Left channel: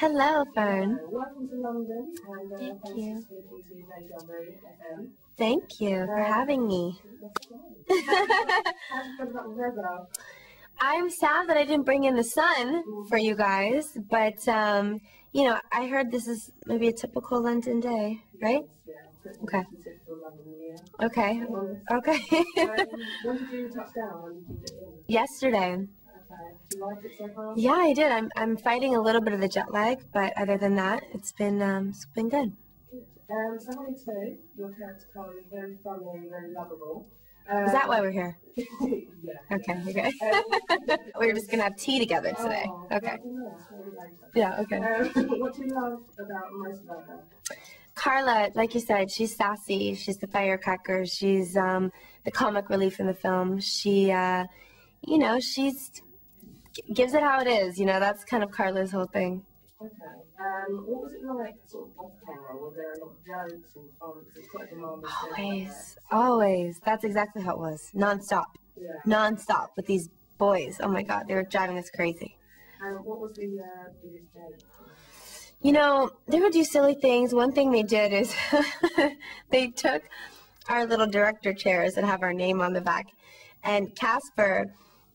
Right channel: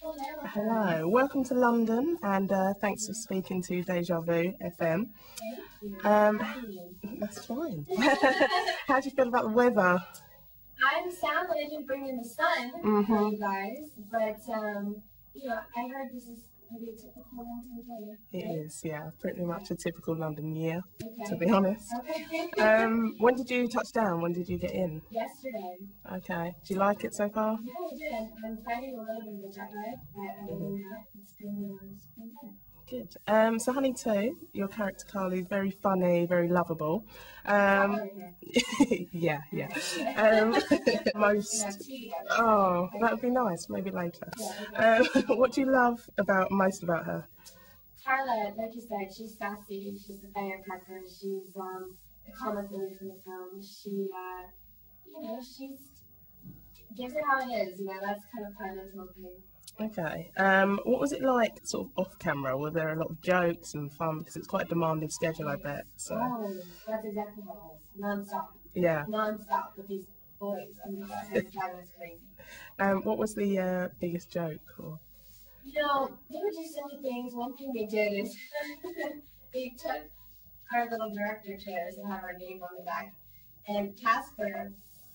Hello, Fern. Hello, welcome to London, and thanks for speaking to Deja Vu FM. Thank you for having me. That's fine. How do you feel about the weather? I'm sad that I didn't bring in the sun for you guys, but you know, I heard this is maybe a typical London day, right? It is, yeah, pretty much a typical London year. Okay. To be honest. Okay. When did you touch down? When did you get in? Yesterday. Okay. Do you like it so far? Yeah, I did. I'm fighting a little bit of the jet lag, but other than that, it's been good. Good. So Honey 2, your character Carly is very funny, very lovable. Is that why we're here? Yeah. Okay. Yeah. We're just gonna have tea together today. Oh, okay. That'd be nice. Maybe later. Yeah. Okay. What do you love most about her? Carla, like you said, she's sassy. She's the firecracker. She's the comic relief in the film. She, you know, gives it how it is. You know, that's kind of Carla's whole thing. Okay. What was it like, sort of off camera? Were there a lot of jokes and fun? Because it's quite a demanding schedule, I bet. So. Always. That's exactly how it was. Non-stop. Yeah. Non-stop with these boys. Oh my God, they were driving us crazy. What was the biggest joke? You know, they would do silly things. One thing they did is they took our little director chairs that have our name on the back, and Casper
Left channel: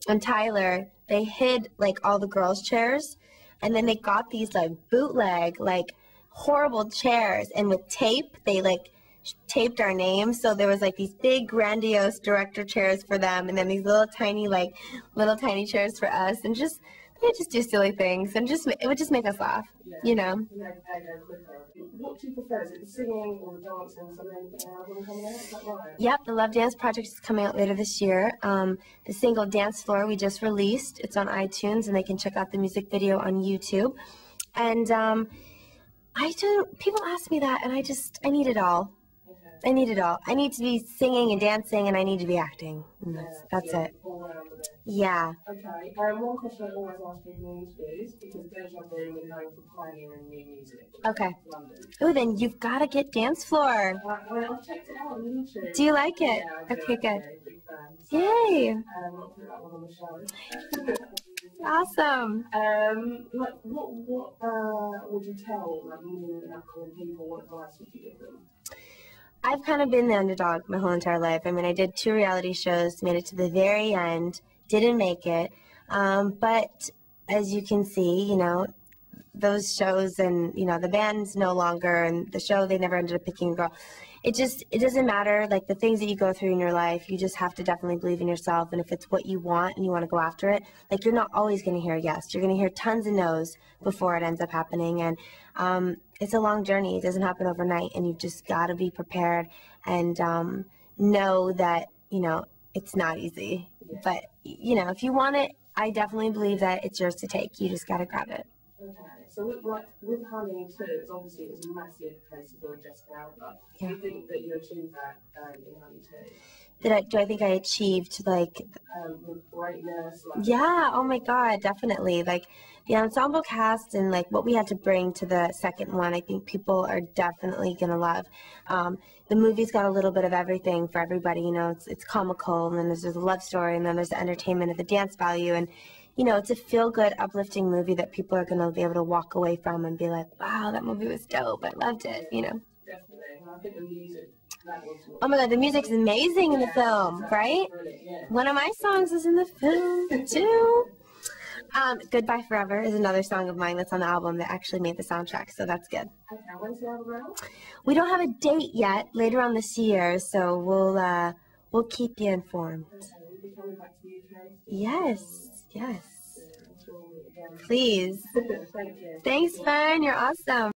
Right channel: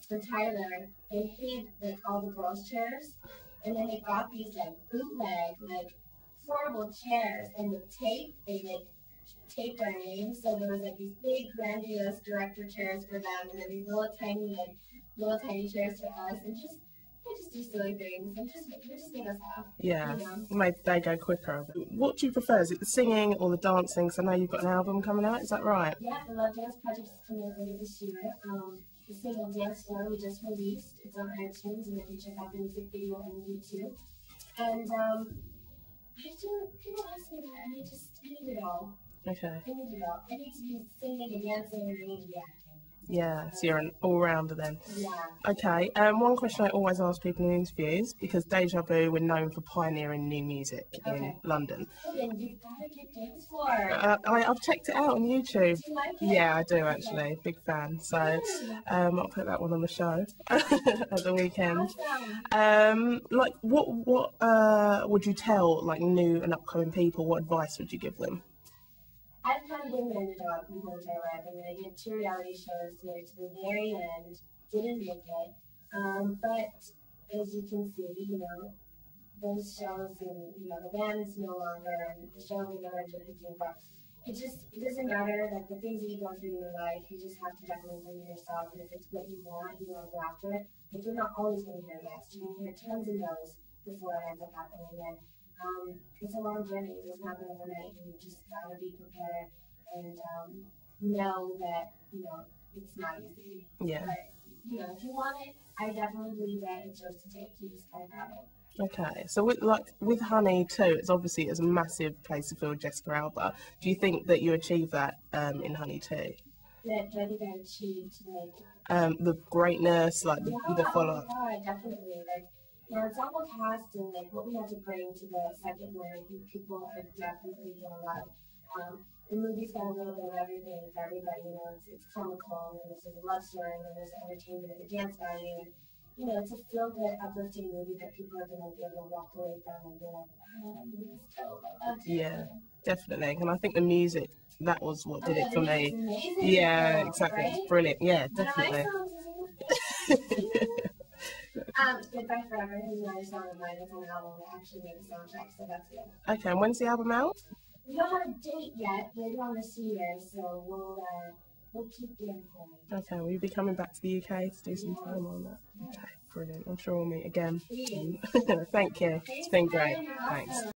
and Tyler, they hid like all the girls' chairs. And then they got these like bootleg, like horrible chairs, and with tape, they like taped our names. So there was like these big grandiose director chairs for them, and then these little tiny chairs for us, and they just do silly things, and it would just make us laugh. Yeah, you know, made the day go quicker. What do you prefer? Is it the singing or the dancing? Because I know you've got an album coming out. Is that right? Yep, the Love Dance Project is coming out later this year. The single Dance Floor we just released. It's on iTunes, and they can check out the music video on YouTube. And people ask me that, and I need it all. Okay. I need it all. I need to be singing and dancing, and I need to be acting. Yeah, that's so you're it. An all-rounder then. Yeah. Okay, one question I always ask people in interviews, because Deja Vu, we're known for pioneering new music in London. Oh, then you've got to get Dance Floor. I've checked it out on YouTube. Do you like it? Yeah, I do actually. Good. Big fan. So, yay! I'll put that one on the show at the weekend. Awesome. Like, what would you tell like new and upcoming people? What advice would you give them? I've kind of been the underdog my whole entire life. I mean, I did 2 reality shows, made it to the very end, didn't make it. But as you can see, you know, those shows and, you know, the band's no longer, and the show, they never ended up picking a girl. It doesn't matter, like, the things that you go through in your life, you just have to definitely believe in yourself, and if it's what you want and you want to go after it, like, you're not always going to hear a yes. You're going to hear tons of no's before it ends up happening, and it's a long journey. It doesn't happen overnight, and you've just got to be prepared and know that, you know, it's not easy. Yeah. But, you know, if you want it, I definitely believe that it's yours to take. You just got to grab it. Okay, so with Honey 2, it's obviously a massive place to fill Jessica Alba. Do you think that you achieved that in Honey 2? Do I think I achieved, like... the greatness, like... Yeah, oh my God, definitely. Like, the ensemble cast and, like, what we had to bring to the second one, I think people are definitely going to love. The movie's got a little bit of everything for everybody, you know. It's comical, and then there's a love story, and then there's the entertainment of the dance value, and... You know, it's a feel-good, uplifting movie that people are going to be able to walk away from and be like, wow, that movie was dope. I loved it, you know. Definitely. And I think the music, that was what Oh my God, the music's amazing in the film, exactly. right? Brilliant, yeah. One of my songs is in the film, too. Goodbye Forever is another song of mine that's on the album that actually made the soundtrack, so that's good. Okay, and when's the album out? We don't have a date yet, later on this year, so we'll keep you informed. Okay, will you be coming back to the UK to do yes, on that? Yes. Okay, brilliant. I'm sure we'll meet again. Please. Thank you. Thanks, Fern. You're awesome. Thanks.